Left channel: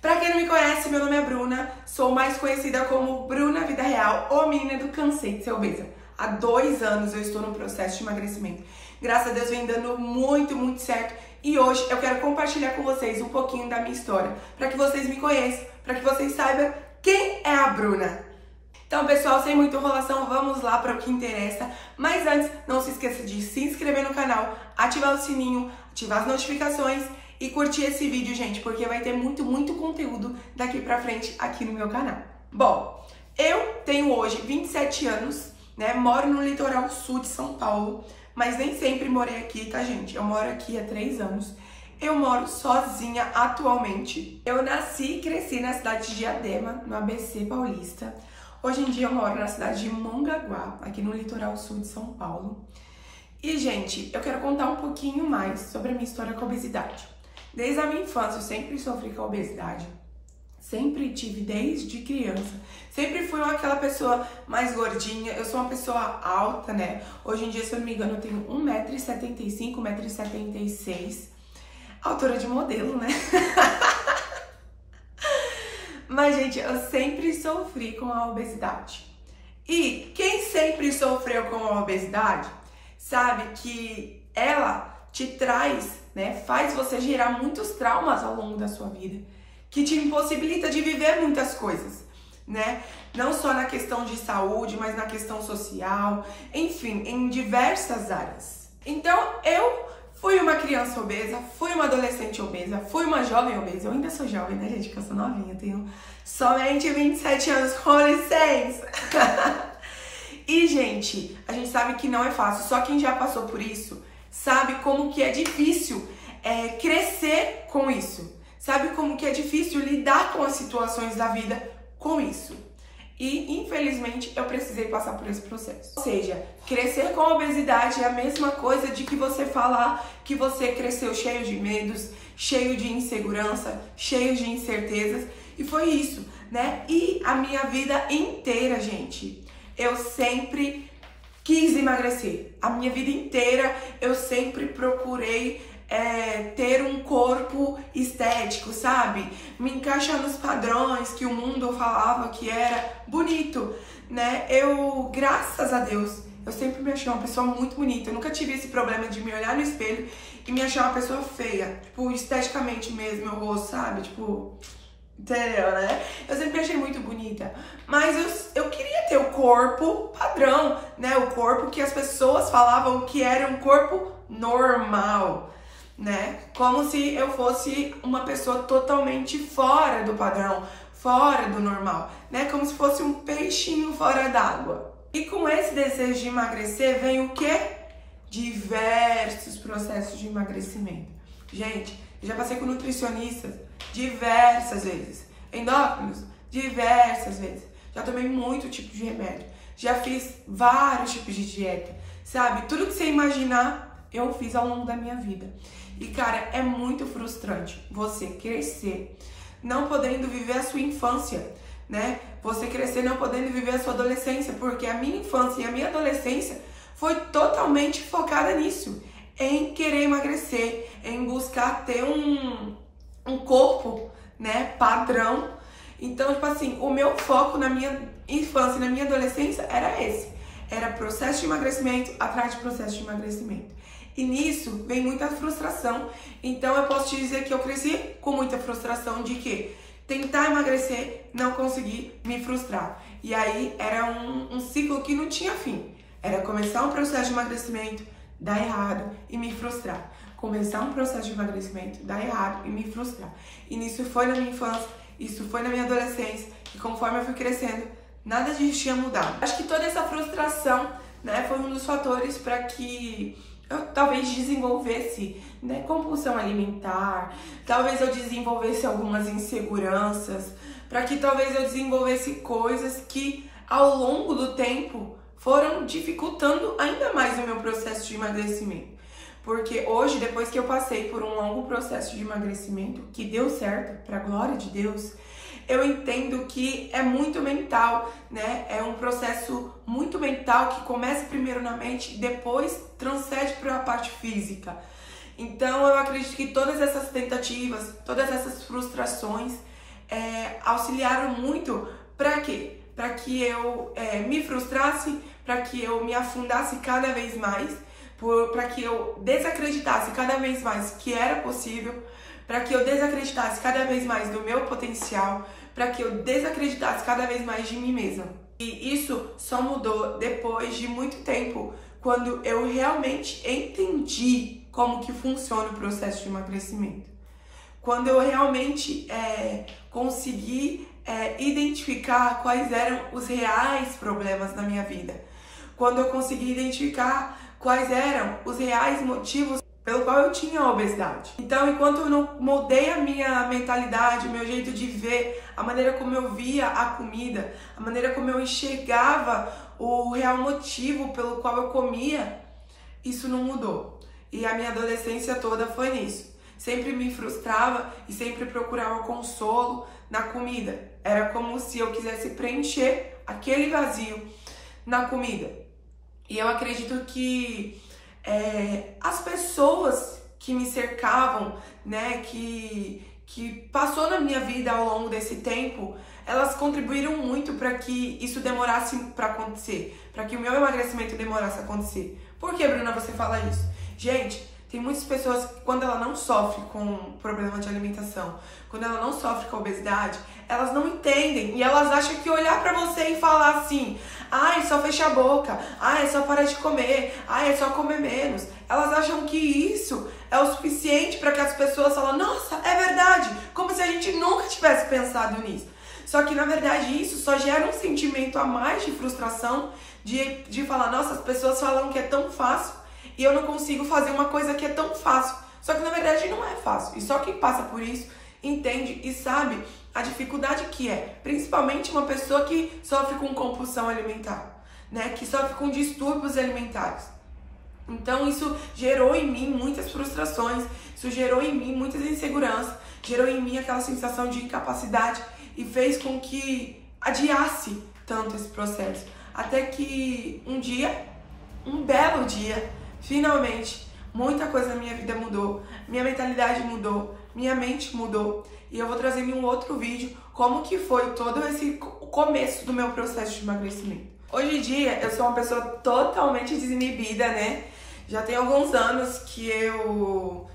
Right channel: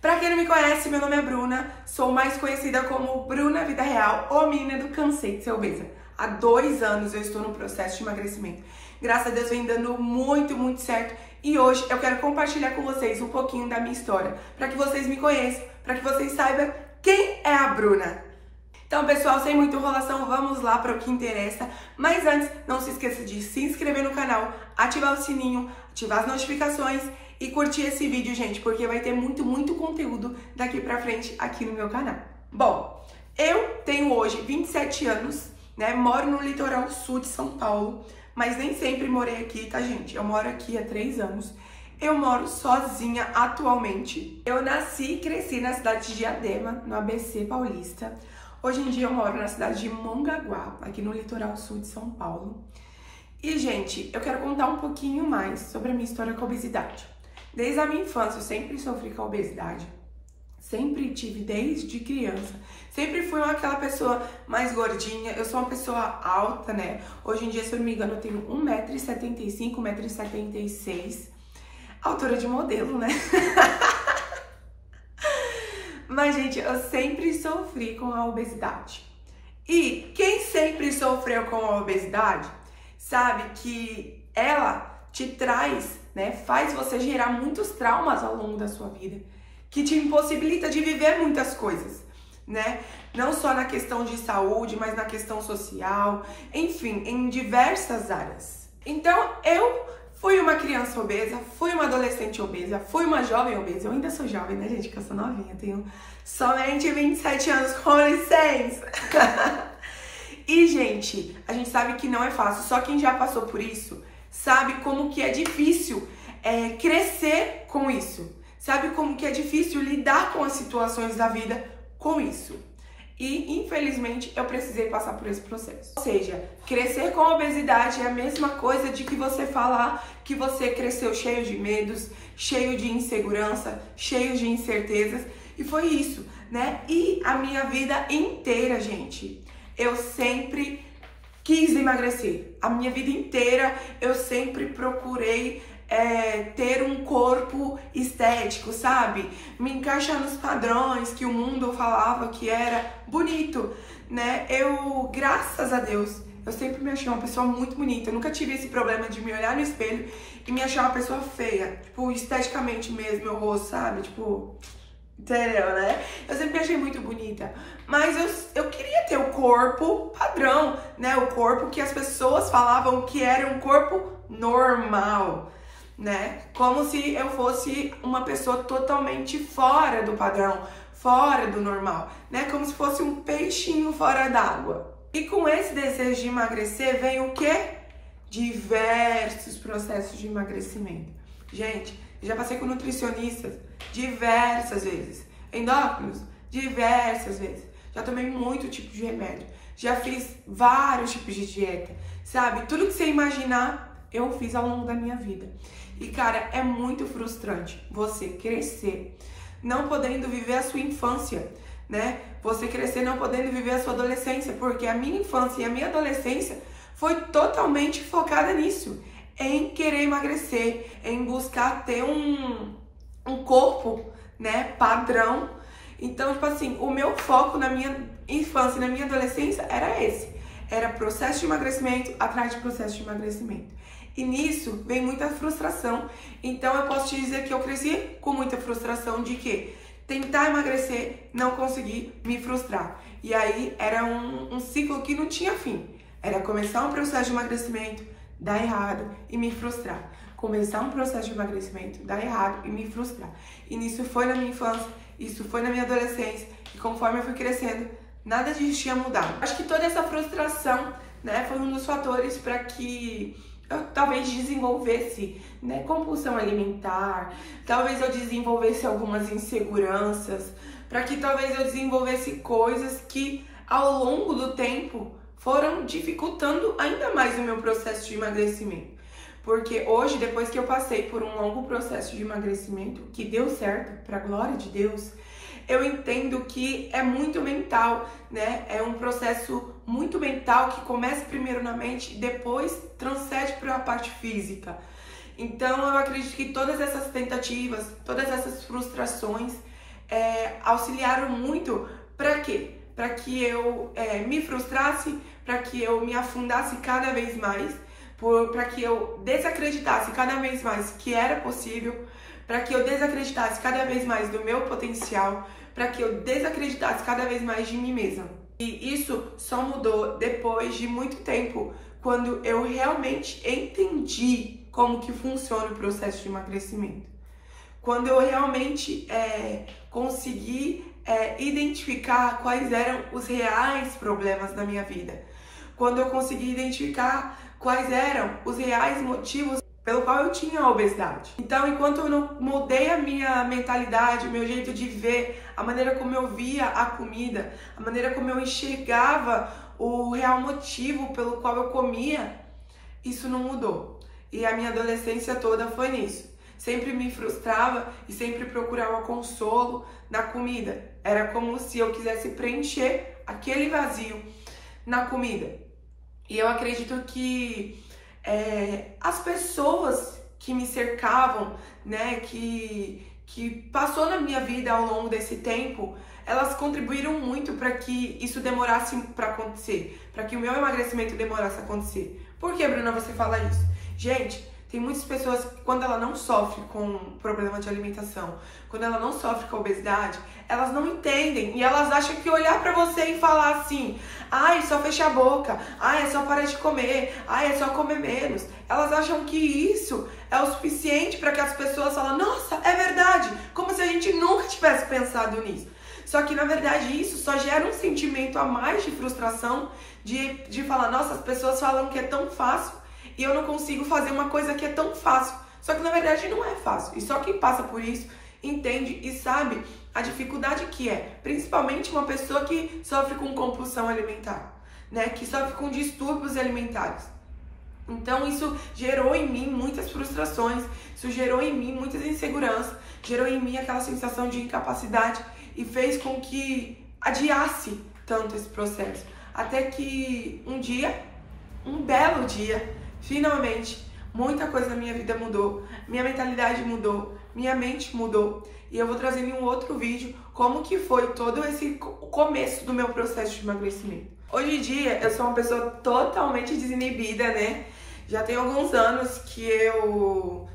Pra quem não me conhece, meu nome é Bruna, sou mais conhecida como Bruna Vida Real, ou menina do Cansei de Ser Obesa. Há 2 anos eu estou no processo de emagrecimento. Graças a Deus vem dando muito certo. E hoje eu quero compartilhar com vocês um pouquinho da minha história, para que vocês me conheçam, para que vocês saibam quem é a Bruna. Então, pessoal, sem muita enrolação, vamos lá para o que interessa. Mas antes, não se esqueça de se inscrever no canal, ativar o sininho, ativar as notificações e curtir esse vídeo, gente, porque vai ter muito conteúdo daqui pra frente aqui no meu canal. Bom, eu tenho hoje 27 anos, né? Moro no litoral sul de São Paulo, mas nem sempre morei aqui, tá, gente? Eu moro aqui há 3 anos. Eu moro sozinha atualmente. Eu nasci e cresci na cidade de Diadema, no ABC Paulista. Hoje em dia eu moro na cidade de Mongaguá, aqui no litoral sul de São Paulo. E, gente, eu quero contar um pouquinho mais sobre a minha história com a obesidade. Desde a minha infância eu sempre sofri com a obesidade. Sempre tive desde criança. Sempre fui aquela pessoa mais gordinha. Eu sou uma pessoa alta, né? Hoje em dia, se eu não me engano, eu tenho 1,75 m, 1,76 m. Altura de modelo, né? Mas, gente, eu sempre sofri com a obesidade. E quem sempre sofreu com a obesidade sabe que ela te traz, né? Faz você gerar muitos traumas ao longo da sua vida, que te impossibilita de viver muitas coisas, né? Não só na questão de saúde, mas na questão social, enfim, em diversas áreas. Então, eu fui uma criança obesa, fui uma adolescente obesa, fui uma jovem obesa. Eu ainda sou jovem, né, gente? Que eu sou novinha, tenho somente 27 anos, com licença. E, gente, a gente sabe que não é fácil. Só quem já passou por isso sabe como que é difícil crescer com isso. Sabe como que é difícil lidar com as situações da vida com isso. E, infelizmente, eu precisei passar por esse processo. Ou seja, crescer com a obesidade é a mesma coisa de que você falar que você cresceu cheio de medos, cheio de insegurança, cheio de incertezas. E foi isso, né? E a minha vida inteira, gente, eu sempre quis emagrecer. A minha vida inteira eu sempre procurei ter um corpo estético, sabe? Me encaixar nos padrões que o mundo falava que era bonito, né? Eu, graças a Deus, eu sempre me achei uma pessoa muito bonita. Eu nunca tive esse problema de me olhar no espelho e me achar uma pessoa feia. Tipo, esteticamente mesmo, meu rosto, sabe? Tipo, entendeu, né? Eu sempre me achei muito bonita. Mas eu queria ter o corpo padrão, né? O corpo que as pessoas falavam que era um corpo normal, né? Como se eu fosse uma pessoa totalmente fora do padrão, fora do normal, né? Como se fosse um peixinho fora d'água. E com esse desejo de emagrecer vem o quê? Diversos processos de emagrecimento. Gente, eu já passei com nutricionistas diversas vezes, endócrinos diversas vezes. Já tomei muito tipo de remédio, já fiz vários tipos de dieta, sabe? Tudo que você imaginar, eu fiz ao longo da minha vida. E, cara, é muito frustrante você crescer não podendo viver a sua infância, né? Você crescer não podendo viver a sua adolescência, porque a minha infância e a minha adolescência foi totalmente focada nisso, em querer emagrecer, em buscar ter um corpo, né, padrão. Então, tipo assim, o meu foco na minha infância e na minha adolescência era esse. Era processo de emagrecimento atrás de processo de emagrecimento. E nisso vem muita frustração. Então eu posso te dizer que eu cresci com muita frustração de que tentar emagrecer, não conseguir, me frustrar. E aí era um ciclo que não tinha fim. Era começar um processo de emagrecimento, dar errado e me frustrar. Começar um processo de emagrecimento, dar errado e me frustrar. E nisso foi na minha infância, isso foi na minha adolescência. E conforme eu fui crescendo, nada disso tinha mudado. Acho que toda essa frustração, né, foi um dos fatores para que eu talvez desenvolvesse, né, compulsão alimentar, talvez eu desenvolvesse algumas inseguranças, para que talvez eu desenvolvesse coisas que ao longo do tempo foram dificultando ainda mais o meu processo de emagrecimento. Porque hoje, depois que eu passei por um longo processo de emagrecimento, que deu certo, para a glória de Deus, eu entendo que é muito mental, né? É um processo muito mental que começa primeiro na mente e depois transcende para a parte física. Então, eu acredito que todas essas tentativas, todas essas frustrações, auxiliaram muito para quê? Para que eu me frustrasse, para que eu me afundasse cada vez mais, para que eu desacreditasse cada vez mais que era possível, para que eu desacreditasse cada vez mais do meu potencial, para que eu desacreditasse cada vez mais de mim mesma. E isso só mudou depois de muito tempo, quando eu realmente entendi como que funciona o processo de emagrecimento. Quando eu realmente consegui identificar quais eram os reais problemas da minha vida. Quando eu consegui identificar quais eram os reais motivos pelo qual eu tinha a obesidade. Então, enquanto eu não mudei a minha mentalidade, o meu jeito de ver, a maneira como eu via a comida, a maneira como eu enxergava o real motivo pelo qual eu comia, isso não mudou. E a minha adolescência toda foi nisso. Sempre me frustrava e sempre procurava consolo na comida. Era como se eu quisesse preencher aquele vazio na comida. E eu acredito que as pessoas que me cercavam, né, que passou na minha vida ao longo desse tempo, elas contribuíram muito para que isso demorasse para acontecer, para que o meu emagrecimento demorasse a acontecer. Por que, Bruna, você fala isso? Gente, tem muitas pessoas que, quando ela não sofre com problema de alimentação, quando ela não sofre com obesidade, elas não entendem e elas acham que olhar pra você e falar assim: ai, só fecha a boca, ai, é só parar de comer, ai, é só comer menos. Elas acham que isso é o suficiente para que as pessoas falem: nossa, é verdade, como se a gente nunca tivesse pensado nisso. Só que, na verdade, isso só gera um sentimento a mais de frustração, de falar: nossa, as pessoas falam que é tão fácil e eu não consigo fazer uma coisa que é tão fácil. Só que, na verdade, não é fácil. E só quem passa por isso entende e sabe a dificuldade que é. Principalmente uma pessoa que sofre com compulsão alimentar, né? Que sofre com distúrbios alimentares. Então, isso gerou em mim muitas frustrações, isso gerou em mim muitas inseguranças, gerou em mim aquela sensação de incapacidade e fez com que adiasse tanto esse processo. Até que um belo dia, finalmente, muita coisa na minha vida mudou, minha mentalidade mudou, minha mente mudou. E eu vou trazer em um outro vídeo como que foi todo esse começo do meu processo de emagrecimento. Hoje em dia, eu sou uma pessoa totalmente desinibida, né? Já tem alguns anos que eu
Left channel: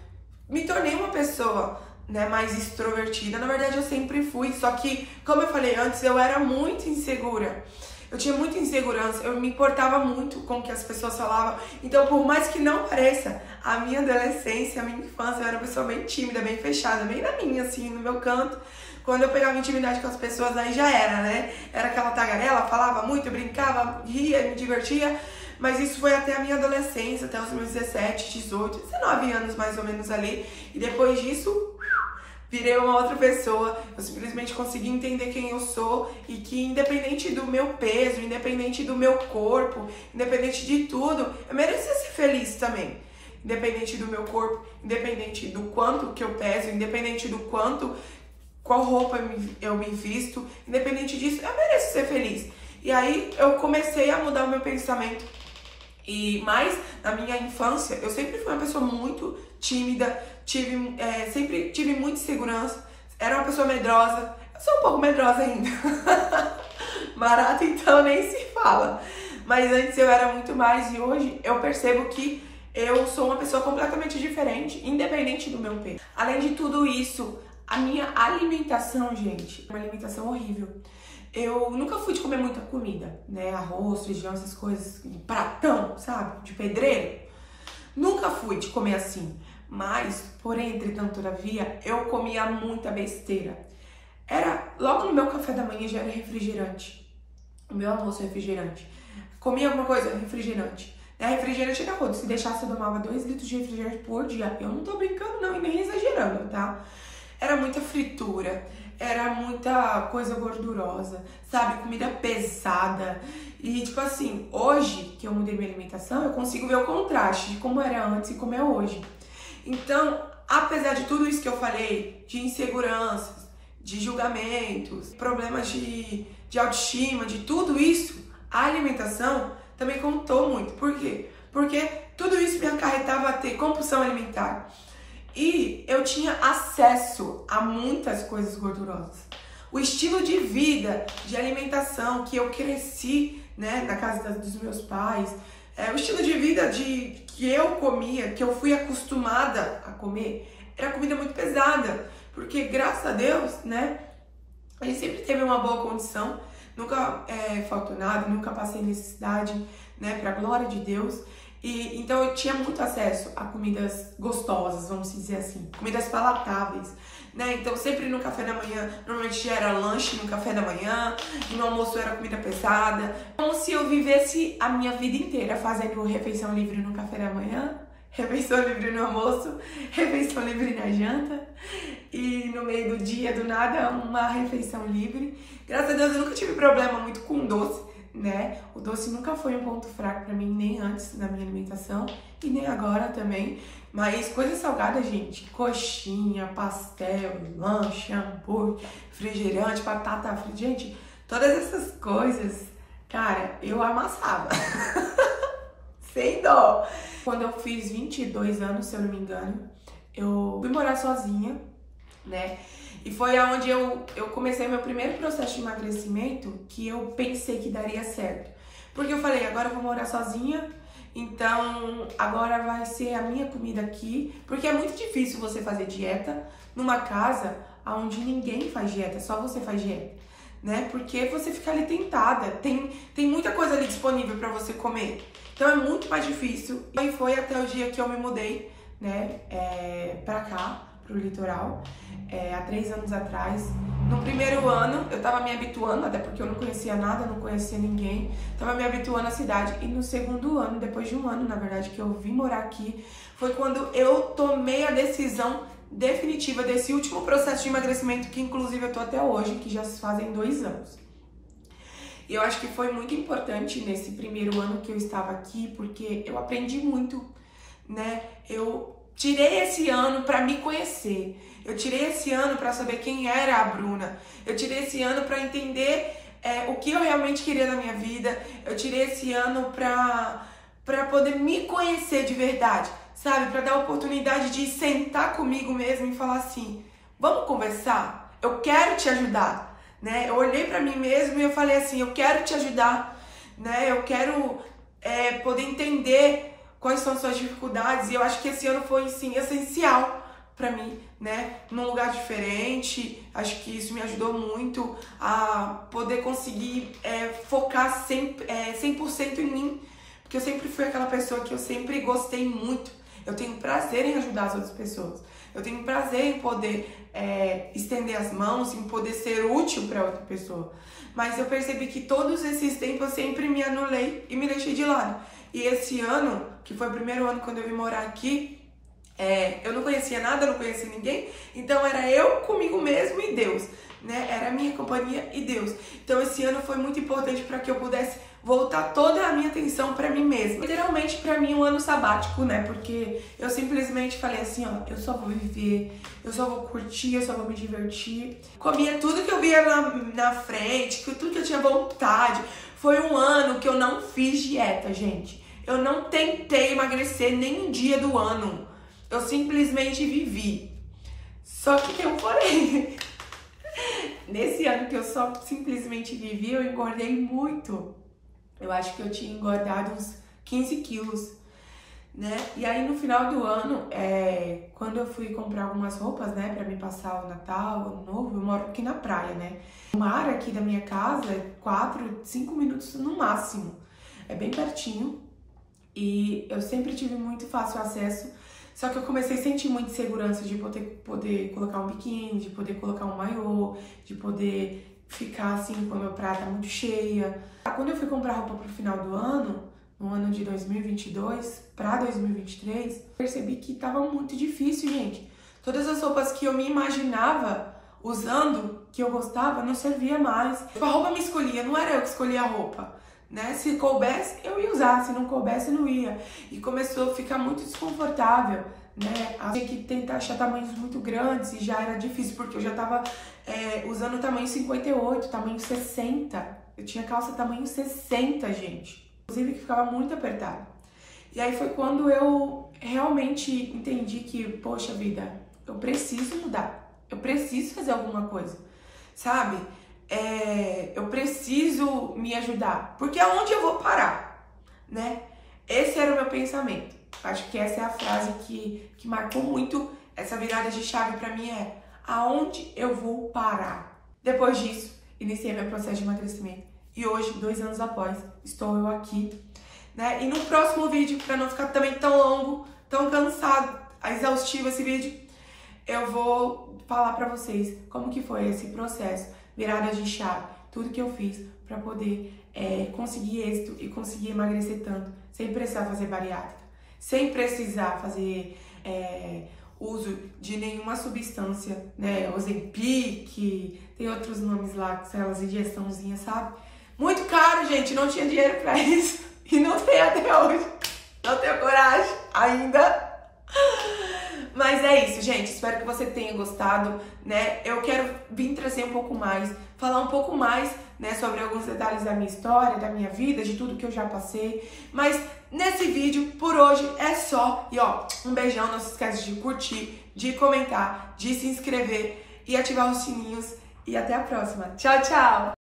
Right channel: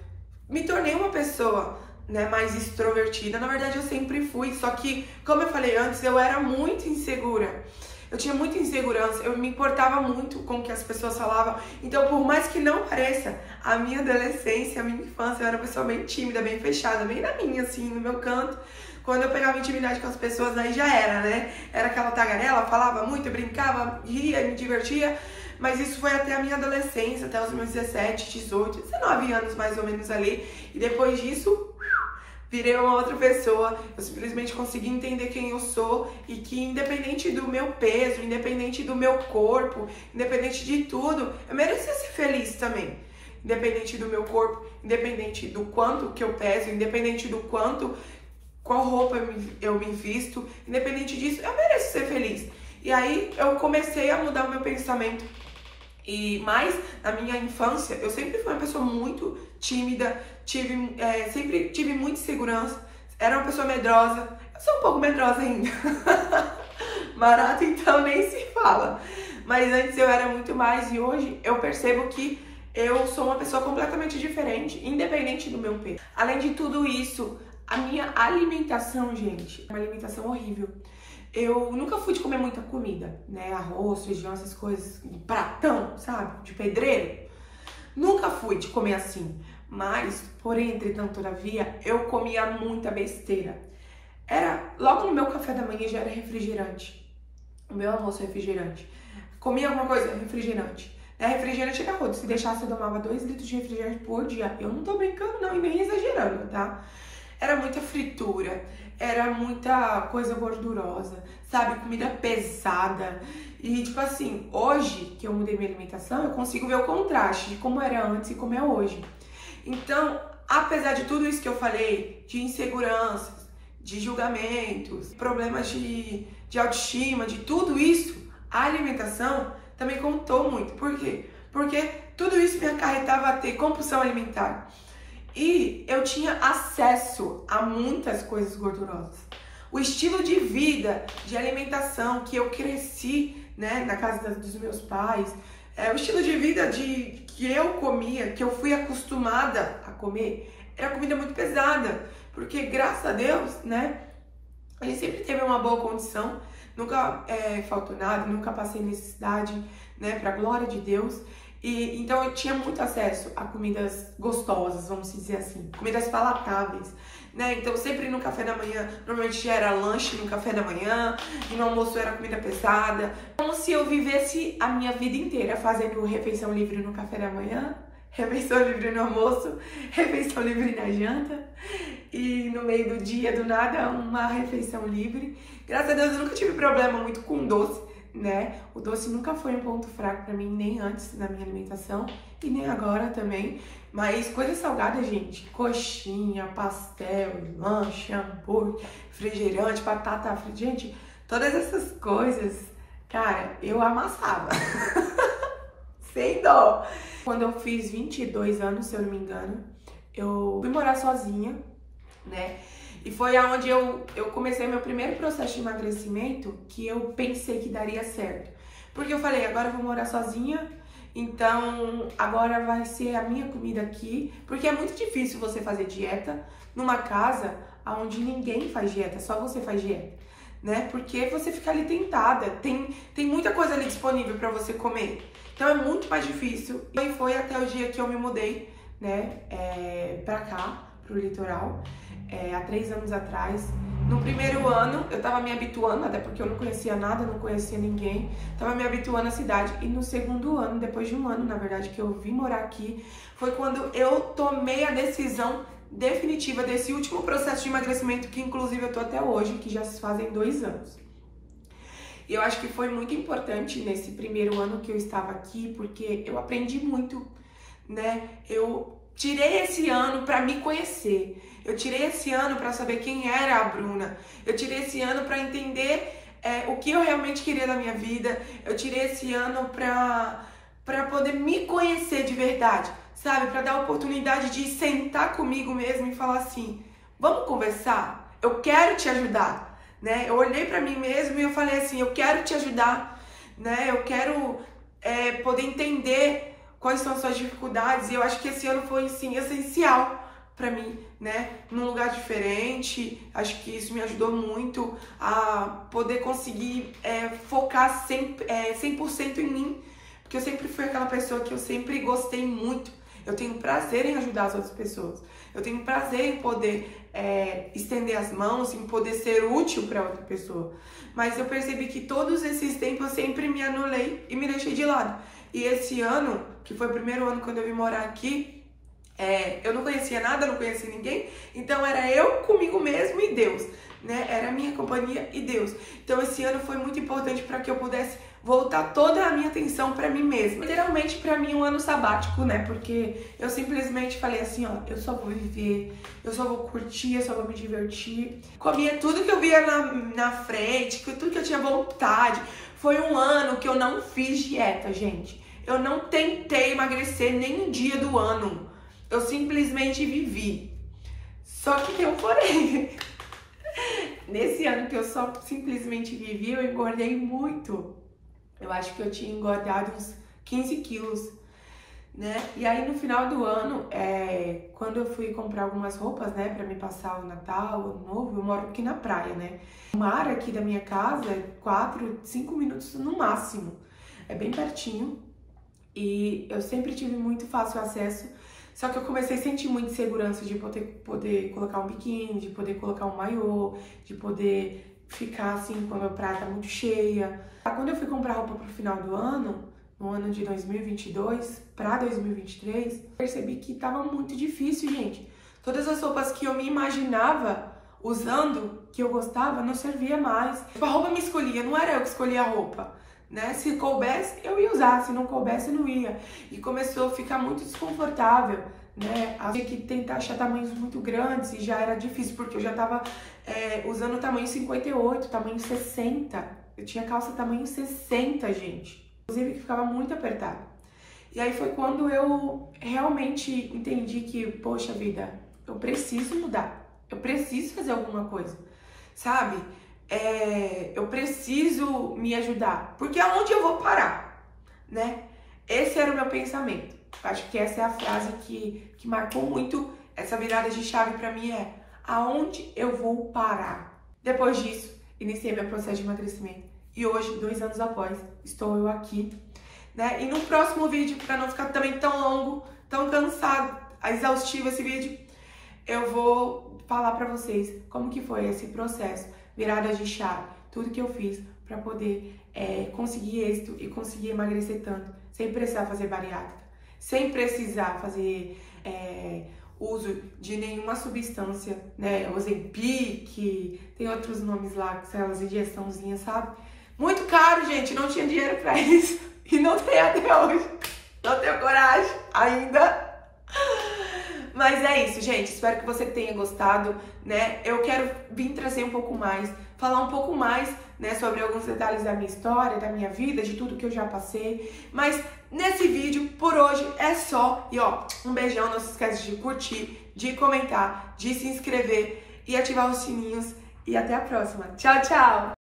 me tornei uma pessoa, né, mais extrovertida. Na verdade, eu sempre fui, só que, como eu falei antes, eu era muito insegura. Eu tinha muita insegurança, eu me importava muito com o que as pessoas falavam. Então, por mais que não pareça, a minha adolescência, a minha infância, eu era uma pessoa bem tímida, bem fechada, bem na minha, assim, no meu canto. Quando eu pegava intimidade com as pessoas, aí já era, né? Era aquela tagarela, falava muito, brincava, ria, me divertia. Mas isso foi até a minha adolescência, até os meus 17, 18, 19 anos mais ou menos ali. E depois disso, virei uma outra pessoa. Eu simplesmente consegui entender quem eu sou e que, independente do meu peso, independente do meu corpo, independente de tudo, eu merecia ser feliz também. Independente do meu corpo, independente do quanto que eu peso, independente do qual roupa eu me visto, independente disso, eu mereço ser feliz. E aí eu comecei a mudar o meu pensamento. E mais na minha infância, eu sempre fui uma pessoa muito tímida, sempre tive muita insegurança, era uma pessoa medrosa. Eu sou um pouco medrosa ainda. Marata, então, nem se fala. Mas antes eu era muito mais e hoje eu percebo que eu sou uma pessoa completamente diferente, independente do meu peso. Além de tudo isso, a minha alimentação, gente, é uma alimentação horrível. Eu nunca fui de comer muita comida, né? Arroz, feijão, essas coisas, pratão, sabe? De pedreiro. Nunca fui de comer assim. Mas, porém, entretanto, todavia, eu comia muita besteira. Logo no meu café da manhã já era refrigerante. O meu almoço é refrigerante. Comia alguma coisa? Refrigerante. Refrigerante era rodo. Se deixasse, eu tomava 2 litros de refrigerante por dia. Eu não tô brincando, não, e nem exagerando, tá? Era muita fritura, era muita coisa gordurosa, sabe? Comida pesada. E, tipo assim, hoje que eu mudei minha alimentação, eu consigo ver o contraste de como era antes e como é hoje. Então, apesar de tudo isso que eu falei, de inseguranças, de julgamentos, problemas de autoestima, de tudo isso, a alimentação também contou muito. Por quê? Porque tudo isso me acarretava a ter compulsão alimentar. E eu tinha acesso a muitas coisas gordurosas. o estilo de vida, de alimentação que eu cresci, né, na casa dos meus pais, o estilo de vida que eu comia, que eu fui acostumada a comer, era comida muito pesada, porque graças a Deus, né, a gente sempre teve uma boa condição, nunca faltou nada, nunca passei necessidade, né, pra glória de Deus. E então eu tinha muito acesso a comidas gostosas, vamos dizer assim, comidas palatáveis, né? Então sempre no café da manhã, normalmente era lanche no café da manhã, e no almoço era comida pesada. Como se eu vivesse a minha vida inteira fazendo refeição livre no café da manhã, refeição livre no almoço, refeição livre na janta, e no meio do dia, do nada, uma refeição livre. Graças a Deus eu nunca tive problema muito com doce, né? O doce nunca foi um ponto fraco pra mim, nem antes na minha alimentação e nem agora também. Mas coisa salgada, gente, coxinha, pastel, lanche, hambúrguer, refrigerante, batata frita, gente, todas essas coisas, cara, eu amassava. Sem dó. Quando eu fiz 22 anos, se eu não me engano, eu fui morar sozinha, né? E foi aonde eu comecei meu primeiro processo de emagrecimento, que eu pensei que daria certo. Porque eu falei, agora eu vou morar sozinha, então agora vai ser a minha comida aqui. Porque é muito difícil você fazer dieta numa casa onde ninguém faz dieta, só você faz dieta, né? Porque você fica ali tentada, tem muita coisa ali disponível para você comer. Então é muito mais difícil. E aí foi até o dia que eu me mudei, né, pra cá, pro litoral. Há 3 anos atrás. No primeiro ano, eu tava me habituando, até porque eu não conhecia nada, não conhecia ninguém, tava me habituando à cidade. E no segundo ano, depois de um ano, na verdade, que eu vim morar aqui, foi quando eu tomei a decisão definitiva desse último processo de emagrecimento, que inclusive eu tô até hoje, que já se fazem 2 anos. E eu acho que foi muito importante nesse primeiro ano que eu estava aqui, porque eu aprendi muito, né? Eu tirei esse ano para me conhecer. Eu tirei esse ano para saber quem era a Bruna. Eu tirei esse ano para entender o que eu realmente queria na minha vida. Eu tirei esse ano para poder me conhecer de verdade, sabe? Para dar a oportunidade de sentar comigo mesmo e falar assim: vamos conversar? Eu quero te ajudar, né? Eu olhei para mim mesmo e eu falei assim: eu quero te ajudar, né? Eu quero poder entender quais são as suas dificuldades. E eu acho que esse ano foi, sim, essencial pra mim, né? Num lugar diferente. Acho que isso me ajudou muito a poder conseguir focar 100% em mim. Porque eu sempre fui aquela pessoa que eu sempre gostei muito. Eu tenho prazer em ajudar as outras pessoas. Eu tenho prazer em poder estender as mãos, em poder ser útil para outra pessoa. Mas eu percebi que todos esses tempos eu sempre me anulei e me deixei de lado. E esse ano, que foi o primeiro ano quando eu vim morar aqui, eu não conhecia nada, não conhecia ninguém, então era eu comigo mesmo e Deus, né? Era a minha companhia e Deus. Então esse ano foi muito importante para que eu pudesse voltar toda a minha atenção para mim mesma. Literalmente para mim um ano sabático, né? Porque eu simplesmente falei assim, ó, eu só vou viver, eu só vou curtir, eu só vou me divertir. Comia tudo que eu via na frente, tudo que eu tinha vontade. Foi um ano que eu não fiz dieta, gente. Eu não tentei emagrecer nem um dia do ano. Eu simplesmente vivi. Só que tem um porém. Nesse ano que eu só simplesmente vivi, eu engordei muito. Eu acho que eu tinha engordado uns 15 quilos, né? E aí no final do ano, quando eu fui comprar algumas roupas, né, pra me passar o Natal, o Ano Novo, eu moro aqui na praia, né? O mar aqui da minha casa é 4, 5 minutos no máximo. É bem pertinho. E eu sempre tive muito fácil acesso. Só que eu comecei a sentir muita insegurança de poder colocar um biquíni, de poder colocar um maiô, de poder ficar assim quando a praia tá muito cheia. Quando eu fui comprar roupa pro final do ano, no ano de 2022 para 2023, percebi que tava muito difícil, gente. Todas as roupas que eu me imaginava usando, que eu gostava, não servia mais. A roupa me escolhia, não era eu que escolhia a roupa, né? Se coubesse, eu ia usar, se não coubesse, eu não ia. E começou a ficar muito desconfortável, né? Eu tinha que tentar achar tamanhos muito grandes e já era difícil, porque eu já tava usando o tamanho 58, tamanho 60. Eu tinha calça tamanho 60, gente. Inclusive que ficava muito apertado. E aí foi quando eu realmente entendi que, poxa vida, eu preciso mudar. Eu preciso fazer alguma coisa, sabe? Eu preciso me ajudar, porque aonde eu vou parar, né? Esse era o meu pensamento. Acho que essa é a frase que marcou muito essa virada de chave pra mim, aonde eu vou parar? Depois disso, iniciei meu processo de emagrecimento. E hoje, 2 anos após, estou eu aqui, né? E no próximo vídeo, pra não ficar também tão longo, tão cansado, exaustivo esse vídeo, eu vou falar pra vocês como que foi esse processo, virada de chave, tudo que eu fiz pra poder conseguir êxito e conseguir emagrecer tanto, sem precisar fazer bariátrica, sem precisar fazer uso de nenhuma substância, né? Ozempic, tem outros nomes lá, aquelas injeçãozinhas, sabe? Muito caro, gente, não tinha dinheiro pra isso e não tenho até hoje, não tenho coragem ainda. Mas é isso, gente. Espero que você tenha gostado, né? Eu quero vir trazer um pouco mais, falar um pouco mais, né, sobre alguns detalhes da minha história, da minha vida, de tudo que eu já passei. Mas nesse vídeo, por hoje, é só. E ó, um beijão. Não se esquece de curtir, de comentar, de se inscrever e ativar os sininhos. E até a próxima. Tchau, tchau!